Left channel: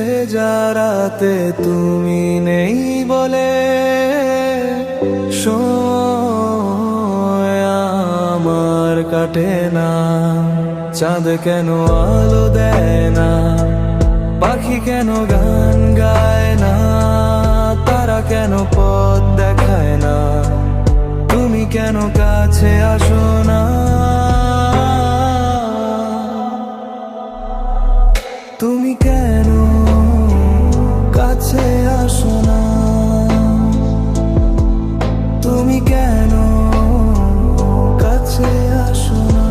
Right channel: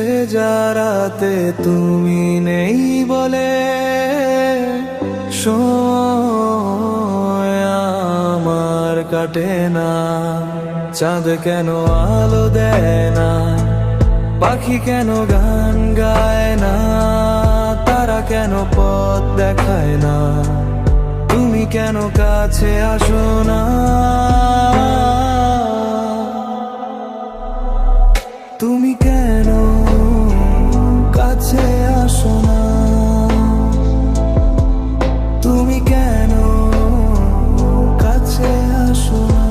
ভেজা রাতে তুমি নেই বলে সময় আমার কাটে না। চাঁদ কেন আলো দেয় না, পাখি কেন গান গায় না, তারা কেন পথ দেখায় না, তুমি কেন কাছে আসো না? তুমি কেন কাছে আসো না? তুমি কেন কাছে আসো না?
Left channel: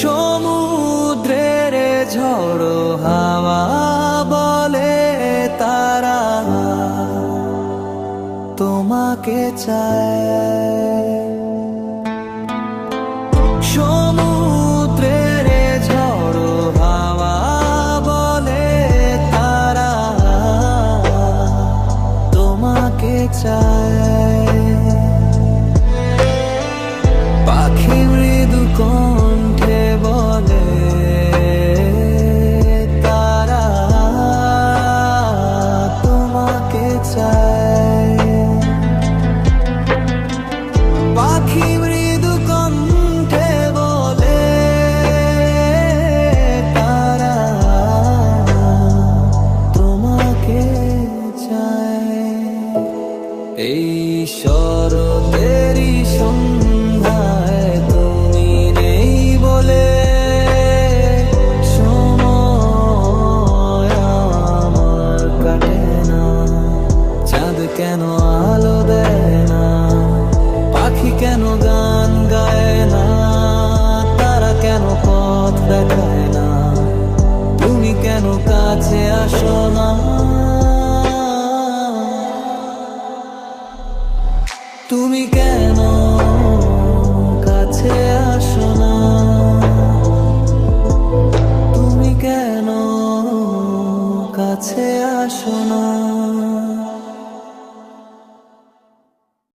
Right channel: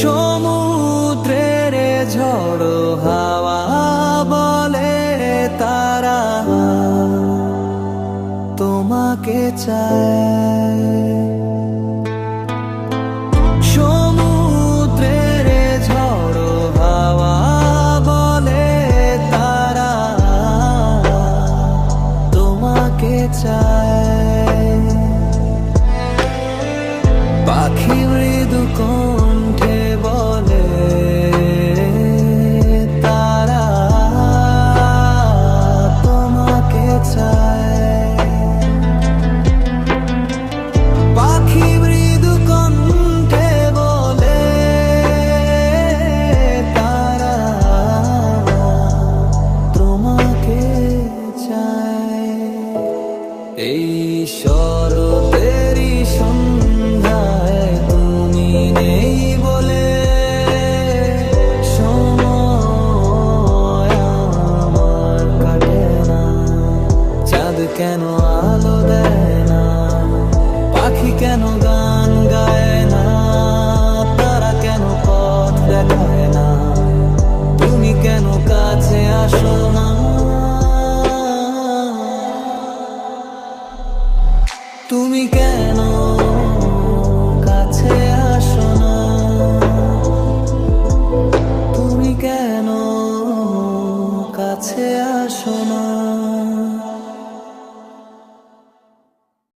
সমুদ্রের ঝড়ো হাওয়া বলে তারা তোমাকে চায়। সমুদ্রের ঝড়ো হাওয়া বলে তারা তোমাকে চায়। পাখি মৃদু কণ্ঠে বলে তারা তোমাকে চায়। পাখি মৃদু কণ্ঠে বলে তারা তোমাকে চায়। এই শরতেরই সন্ধ্যায় তুমি নেই বলে সময় আমার কাটে না। চাঁদ কেন আলো দেয় না, পাখি কেন গান গায় না, তারা কেন পথ দেখায় না, তুমি কেন কাছে আসো না? তুমি কেন কাছে আসো না? তুমি কেন কাছে আসো না?